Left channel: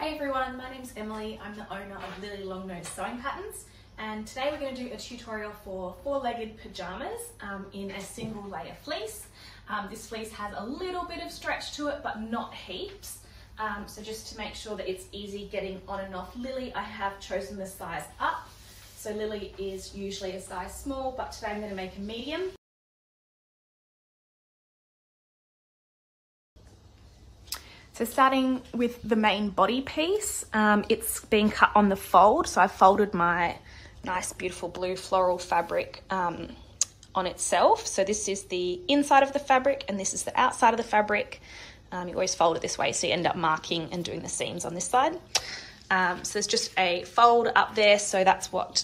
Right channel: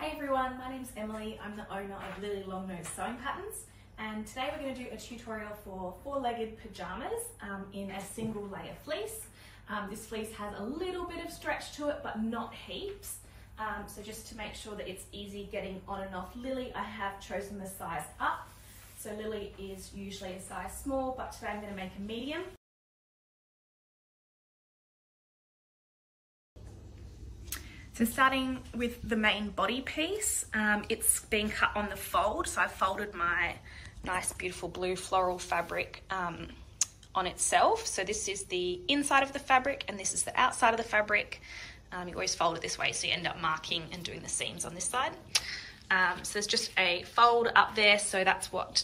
Hey everyone, my name's Emily. I'm the owner of Lily Longnose Sewing Patterns, and today we're going to do a tutorial for four-legged pajamas in a single layer fleece. This fleece has a little bit of stretch to it, but not heaps. So just to make sure that it's easy getting on and off Lily, I have chosen the size up. So Lily is usually a size small, but today I'm going to make a medium. So starting with the main body piece, it's being cut on the fold. So I've folded my nice beautiful blue floral fabric on itself. So this is the inside of the fabric and this is the outside of the fabric. You always fold it this way so you end up marking and doing the seams on this side. So there's just a fold up there, so that's what,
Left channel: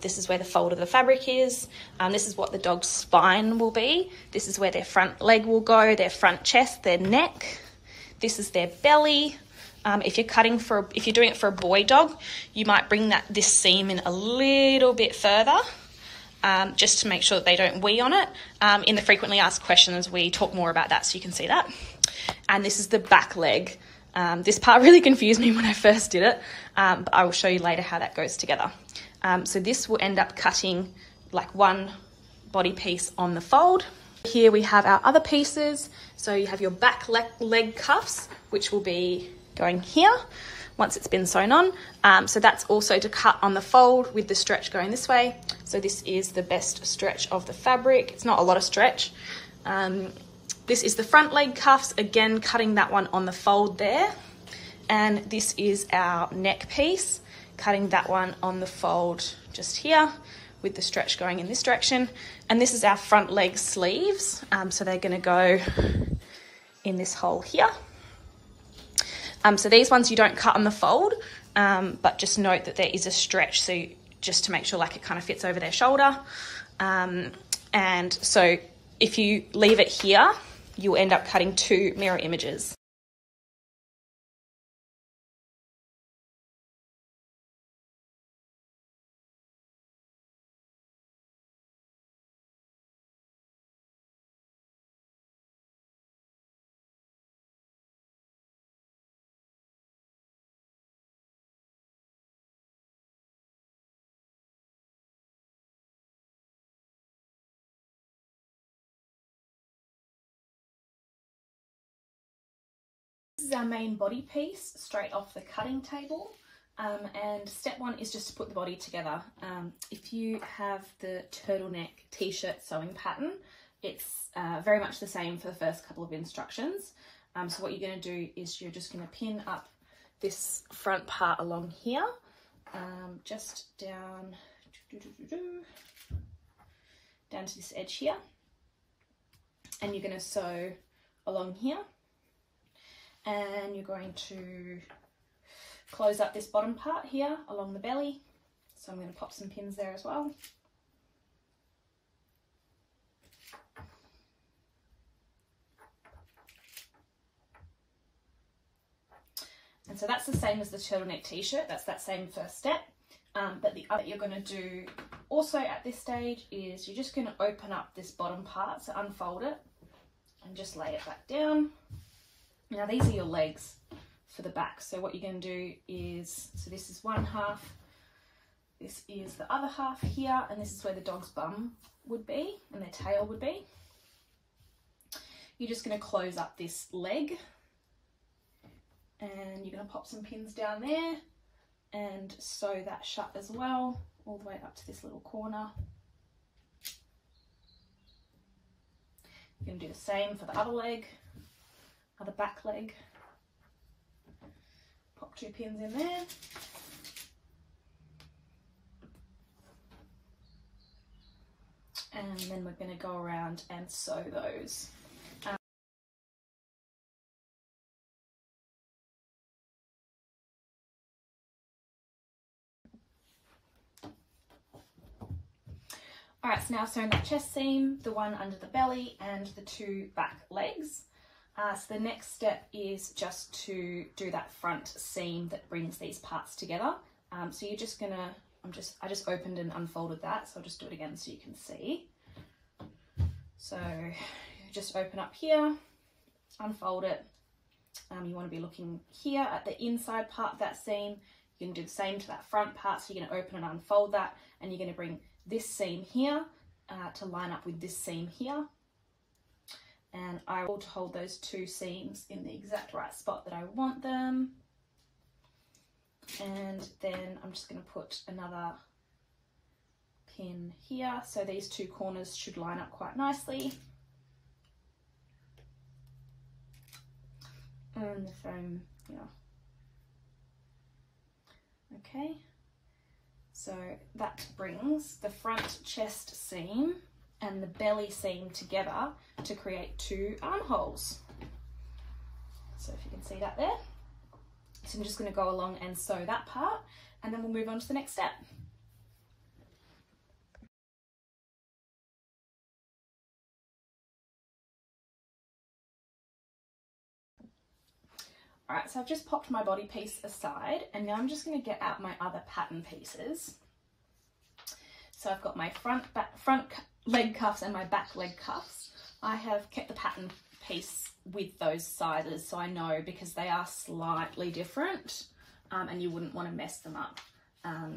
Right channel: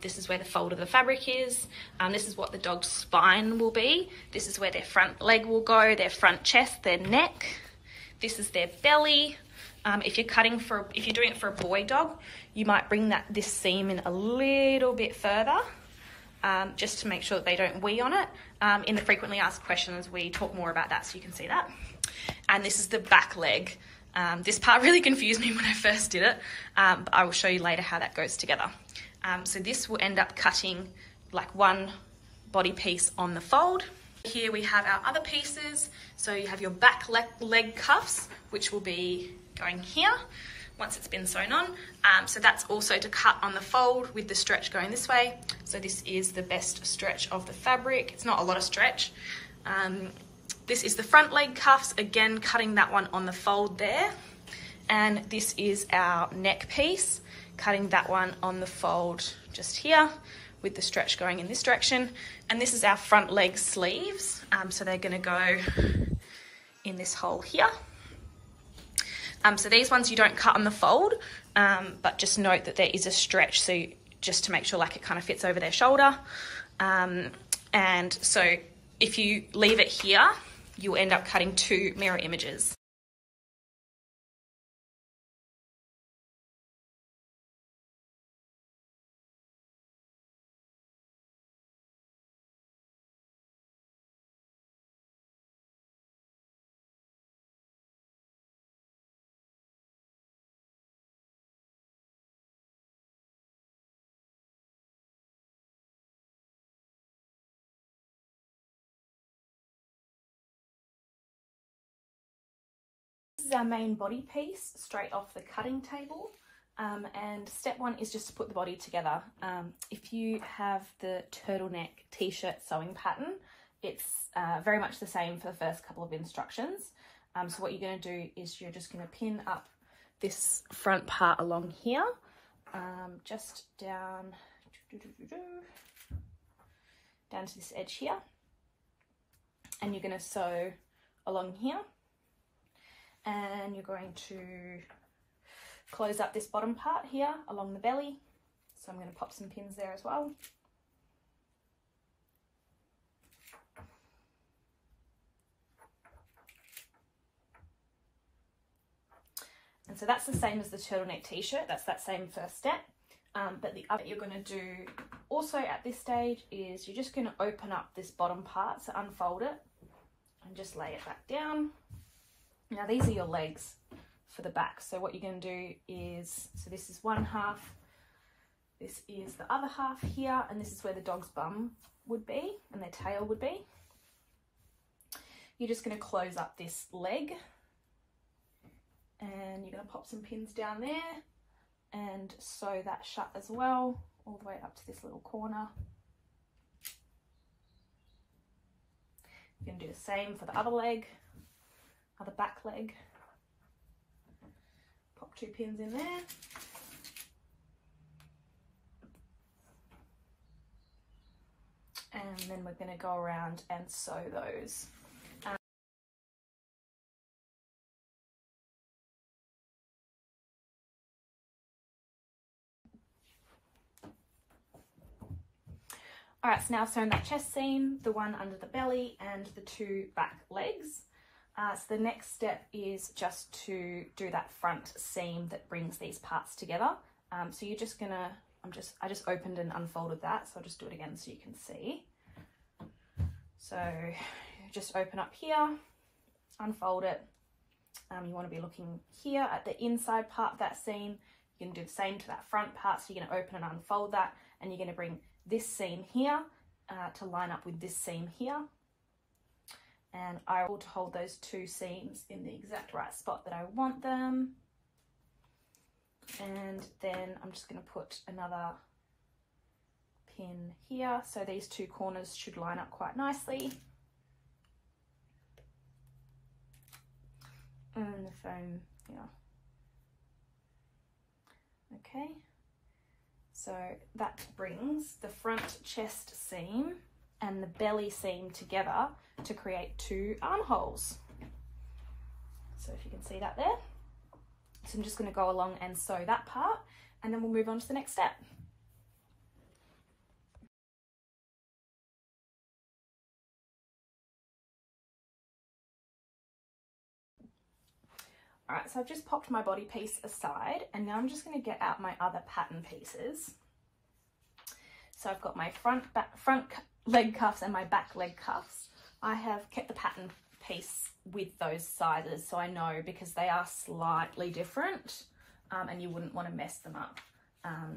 this is where the fold of the fabric is. This is what the dog's spine will be. This is where their front leg will go, their front chest, their neck. This is their belly. If you're doing it for a boy dog, you might bring this seam in a little bit further, just to make sure that they don't wee on it. In the frequently asked questions, we talk more about that so you can see that. And this is the back leg. This part really confused me when I first did it, but I will show you later how that goes together. So this will end up cutting like one body piece on the fold. Here we have our other pieces. So you have your back leg cuffs, which will be going here once it's been sewn on. So that's also to cut on the fold with the stretch going this way. So this is the best stretch of the fabric. It's not a lot of stretch. This is the front leg cuffs, again cutting that one on the fold there. And this is our neck piece, cutting that one on the fold just here with the stretch going in this direction. And this is our front leg sleeves. So they're gonna go in this hole here. So these ones you don't cut on the fold, but just note that there is a stretch, so just to make sure like it kind of fits over their shoulder. And so if you leave it here, you'll end up cutting two mirror images. This is our main body piece straight off the cutting table, and step one is just to put the body together. If you have the turtleneck t-shirt sewing pattern, it's very much the same for the first couple of instructions. So what you're going to do is you're just going to pin up this front part along here, just down to this edge here, and you're going to sew along here. And you're going to close up this bottom part here along the belly. So I'm going to pop some pins there as well. And so that's the same as the turtleneck t-shirt. That's that same first step. But the other you're going to do also at this stage is you're just going to open up this bottom part. So unfold it and just lay it back down. Now these are your legs for the back. So what you're going to do is, so this is one half, this is the other half here, and this is where the dog's bum would be and their tail would be. You're just going to close up this leg and you're going to pop some pins down there and sew that shut as well, all the way up to this little corner. You're going to do the same for the other leg. The back leg, pop two pins in there, and then we're going to go around and sew those. Alright, so now I've sewn that chest seam, the one under the belly, and the two back legs. So the next step is just to do that front seam that brings these parts together. So you're just gonna, I just opened and unfolded that, so I'll just do it again so you can see. So just open up here, unfold it, You want to be looking here at the inside part of that seam. You can do the same to that front part. So you're going to open and unfold that, and you're going to bring this seam here to line up with this seam here. And I will hold those two seams in the exact right spot that I want them. And then I'm just going to put another pin here. So these two corners should line up quite nicely. And the foam, okay, so that brings the front chest seam and the belly seam together to create two armholes. So if you can see that there. So I'm just going to go along and sew that part, and then we'll move on to the next step. Alright, so I've just popped my body piece aside, and now I'm just going to get out my other pattern pieces. So I've got my front leg cuffs and my back leg cuffs. I have kept the pattern piece with those sizes, so I know, because they are slightly different, and you wouldn't want to mess them up.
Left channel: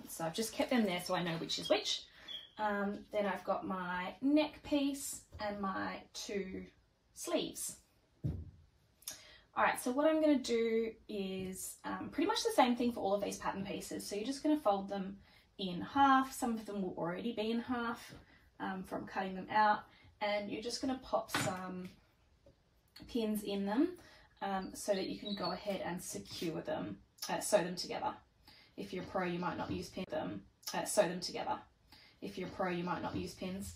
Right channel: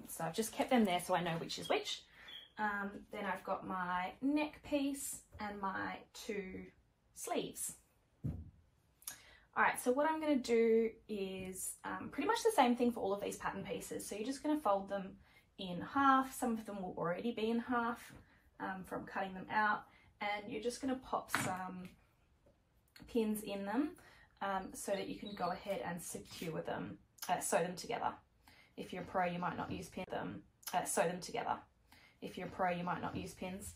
So I've just kept them there so I know which is which. Then I've got my neck piece and my two sleeves. Alright, so what I'm going to do is pretty much the same thing for all of these pattern pieces. So you're just going to fold them in half. Some of them will already be in half from cutting them out. And you're just going to pop some pins in them so that you can go ahead and secure them, sew them together. If you're a pro, you might not use pins, sew them together. If you're a pro, you might not use pins,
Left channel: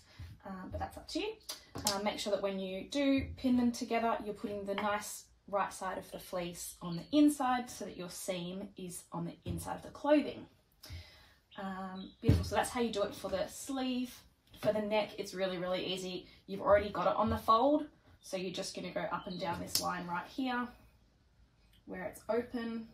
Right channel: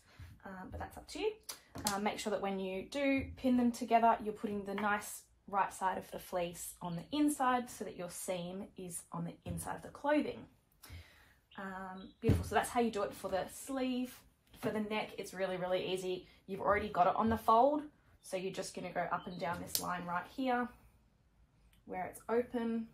but that's up to you. Make sure that when you do pin them together, you're putting the nice right side of the fleece on the inside so that your seam is on the inside of the clothing. Beautiful. So that's how you do it for the sleeve. For the neck, it's really, really easy. You've already got it on the fold, so you're just going to go up and down this line right here where it's open,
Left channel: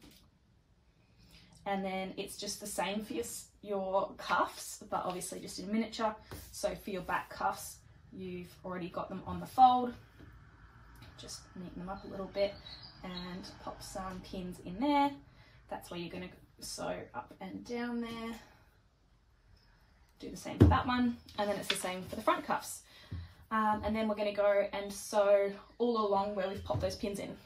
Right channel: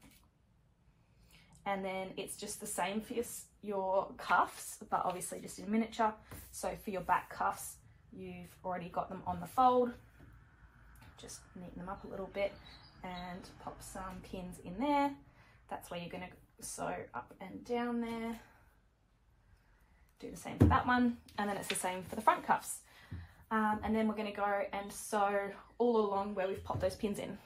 and then it's just the same for your cuffs, but obviously just in miniature. So for your back cuffs, you've already got them on the fold. Just neaten them up a little bit and pop some pins in there. That's where you're going to sew up and down there. Do the same for that one, and then it's the same for the front cuffs. And then we're going to go and sew all along where we've popped those pins in.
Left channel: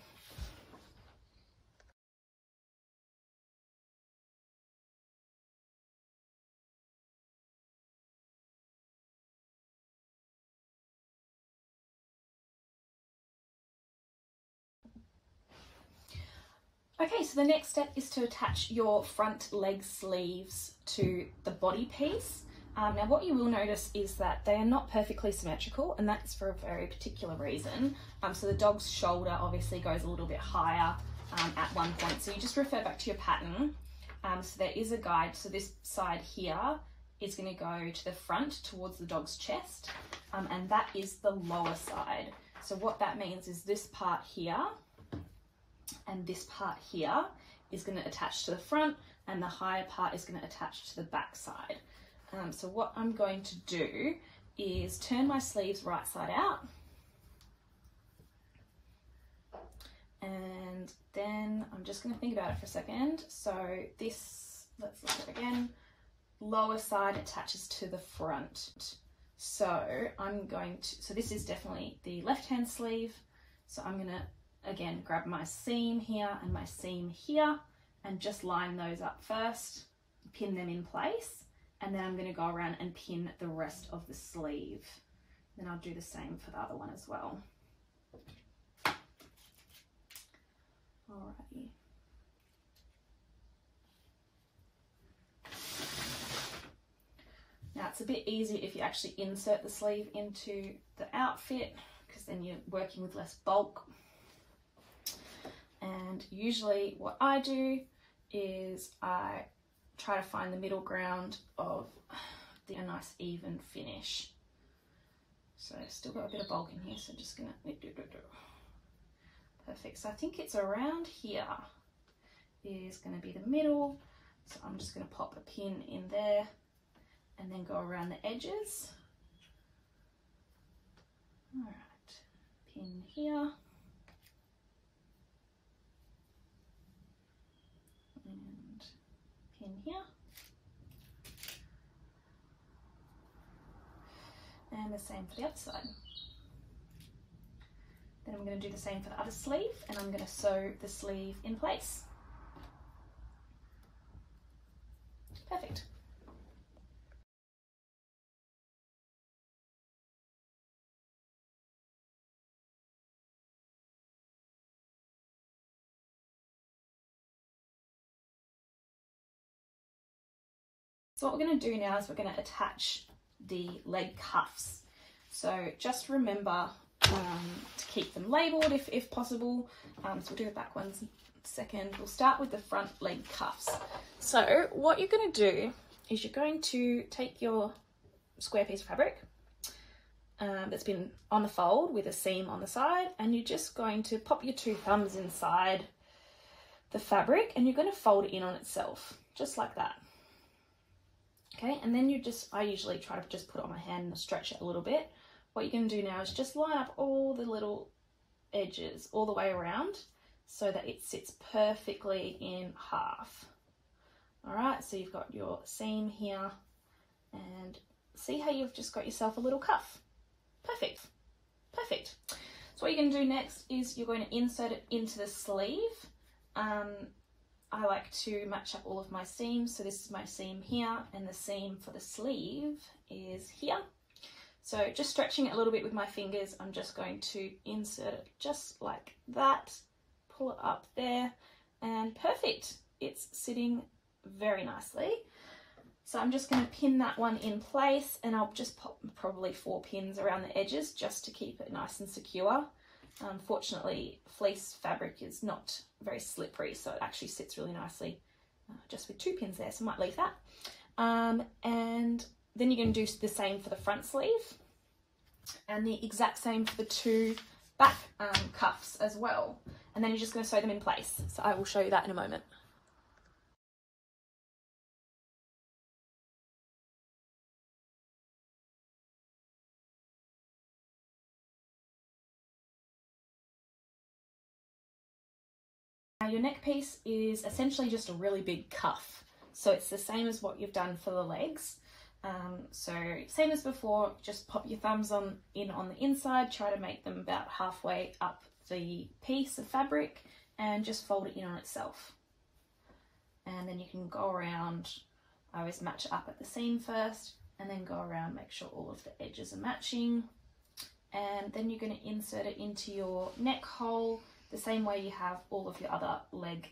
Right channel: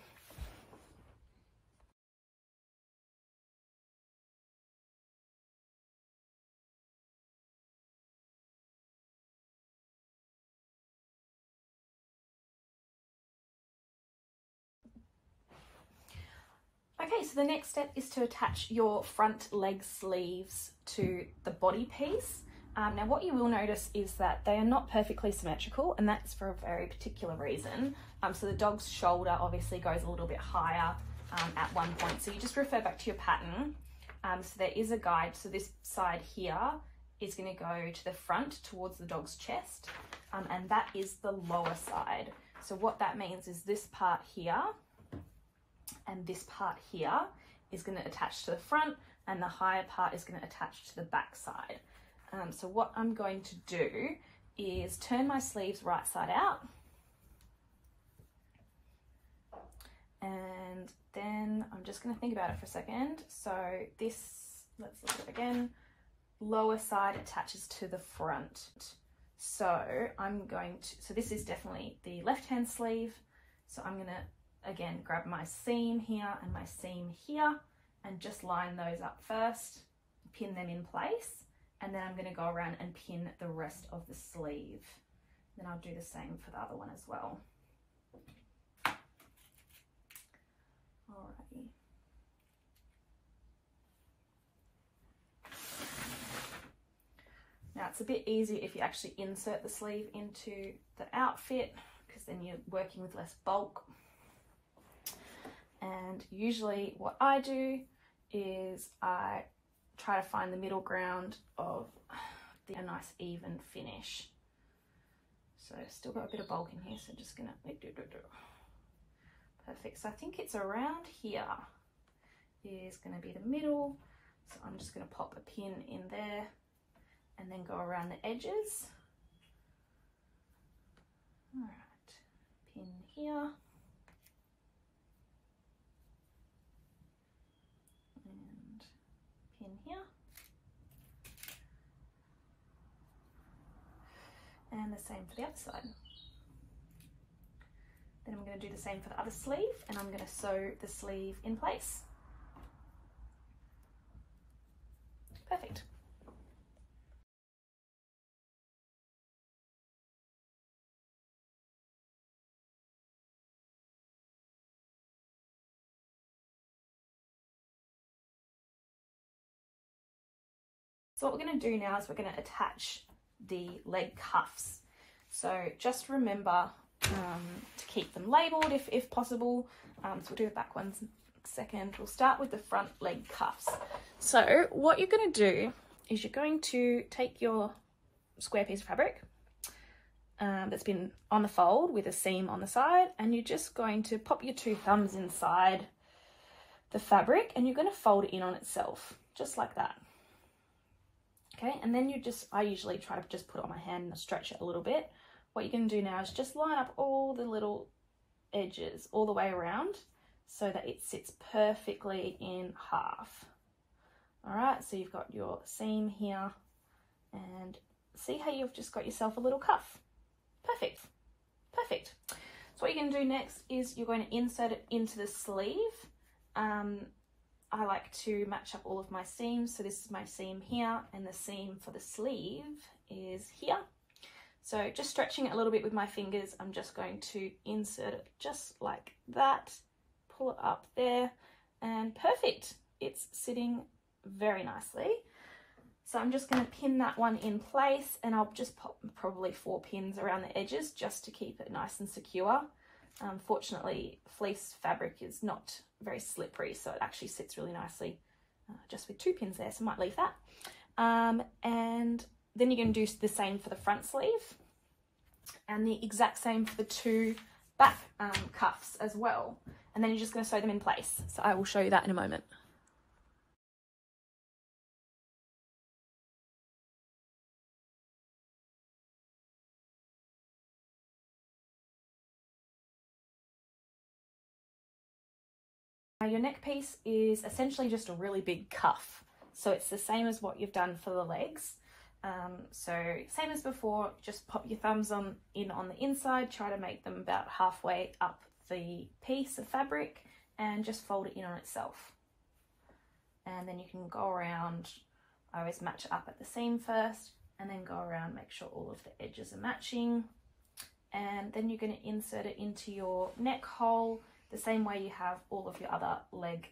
Okay, so the next step is to attach your front leg sleeves to the body piece. Now what you will notice is that they are not perfectly symmetrical, and that's for a very particular reason. So the dog's shoulder obviously goes a little bit higher at one point, so you just refer back to your pattern. So there is a guide. So this side here is going to go to the front towards the dog's chest, and that is the lower side. So what that means is this part here and this part here is going to attach to the front, and the higher part is going to attach to the back side. So what I'm going to do is turn my sleeves right side out, and then I'm just going to think about it for a second. So this, let's look at it again, lower side attaches to the front. So I'm going to, so this is definitely the left hand sleeve. So I'm going to again grab my seam here and my seam here and just line those up first, pin them in place, and then I'm going to go around and pin the rest of the sleeve. Then I'll do the same for the other one as well. Alrighty. Now it's a bit easier if you actually insert the sleeve into the outfit, because then you're working with less bulk. And usually what I do is I try to find the middle ground of a nice even finish. So still got a bit of bulk in here, so just gonna perfect. So I think it's around here is going to be the middle. So I'm just going to pop a pin in there and then go around the edges. All right, pin here. in here. And the same for the other side. Then I'm going to do the same for the other sleeve, and I'm going to sew the sleeve in place. Perfect. So what we're going to do now is we're going to attach the leg cuffs. So just remember to keep them labelled if possible. So we'll do the back ones second. We'll start with the front leg cuffs. So what you're going to do is you're going to take your square piece of fabric that's been on the fold with a seam on the side, and you're just going to pop your two thumbs inside the fabric, and you're going to fold it in on itself, just like that. Okay, and then I usually try to just put it on my hand and stretch it a little bit. What you're going to do now is just line up all the little edges all the way around so that it sits perfectly in half. All right, so you've got your seam here, and see how you've just got yourself a little cuff. Perfect, perfect. So what you're going to do next is you're going to insert it into the sleeve. I like to match up all of my seams. So this is my seam here, and the seam for the sleeve is here. So just stretching it a little bit with my fingers, I'm just going to insert it just like that, pull it up there, and perfect. It's sitting very nicely. So I'm just going to pin that one in place, and I'll just pop probably 4 pins around the edges just to keep it nice and secure. Fortunately, fleece fabric is not very slippery, so it actually sits really nicely just with 2 pins there, so I might leave that. And then you're going to do the same for the front sleeve, and the exact same for the 2 back cuffs as well. And then you're just going to sew them in place. So I will show you that in a moment. Now your neck piece is essentially just a really big cuff. So it's the same as what you've done for the legs. So same as before, just pop your thumbs in on the inside, try to make them about halfway up the piece of fabric, and just fold it in on itself. And then you can go around, I always match it up at the seam first, and then go around, make sure all of the edges are matching. And then you're going to insert it into your neck hole the same way you have all of your other leg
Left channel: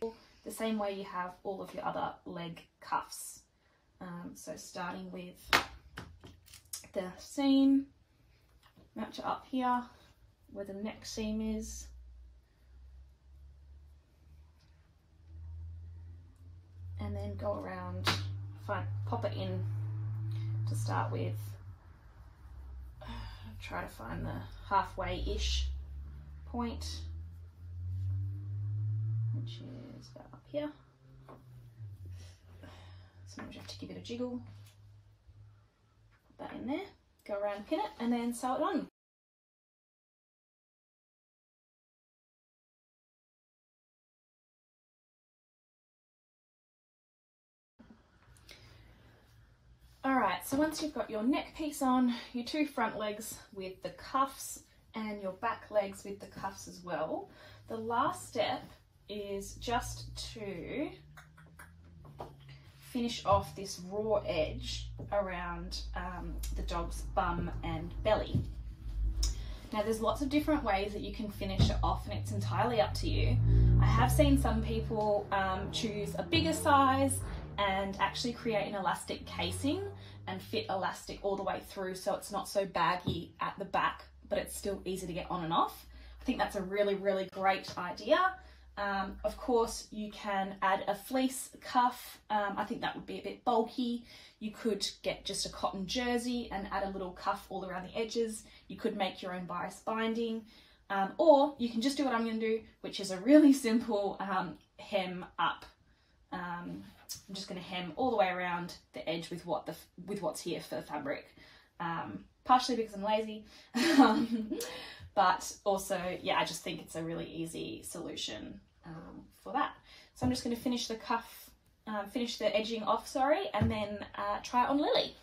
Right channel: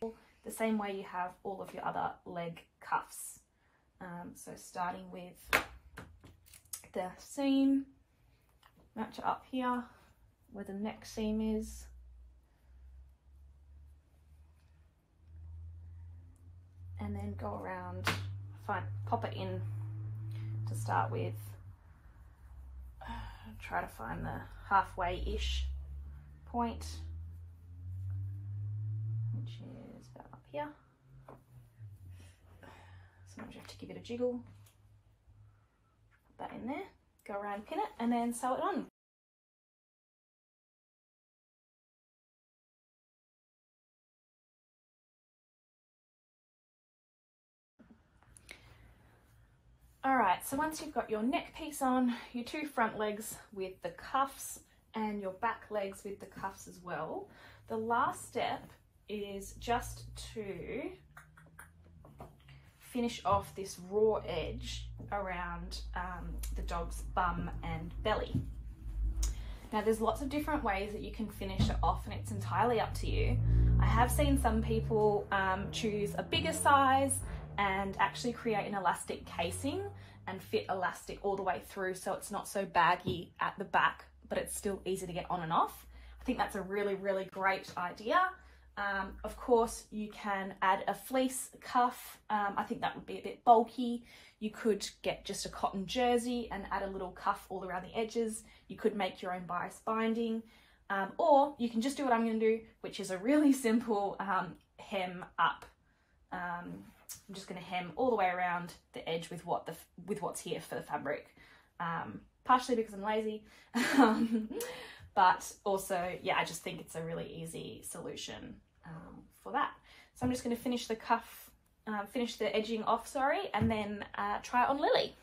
cuffs. So starting with the seam, match it up here where the neck seam is, and then go around, pop it in to start with. Try to find the halfway-ish point, which is about up here. Sometimes you have to give it a jiggle. Put that in there, go around, pin it, and then sew it on. Alright, so once you've got your neck piece on, your 2 front legs with the cuffs, and your back legs with the cuffs as well, the last step is just to finish off this raw edge around the dog's bum and belly. Now there's lots of different ways that you can finish it off, and it's entirely up to you. I have seen some people choose a bigger size and actually create an elastic casing and fit elastic all the way through, so it's not so baggy at the back, but it's still easy to get on and off. I think that's a really, really great idea. Of course, you can add a fleece cuff. I think that would be a bit bulky. You could get just a cotton jersey and add a little cuff all around the edges. You could make your own bias binding, or you can just do what I'm going to do, which is a really simple hem up. I'm just going to hem all the way around the edge with what's here for the fabric, partially because I'm lazy, but also, yeah, I just think it's a really easy solution for that. So I'm just going to finish the cuff finish the edging off, sorry, and then try it on Lily.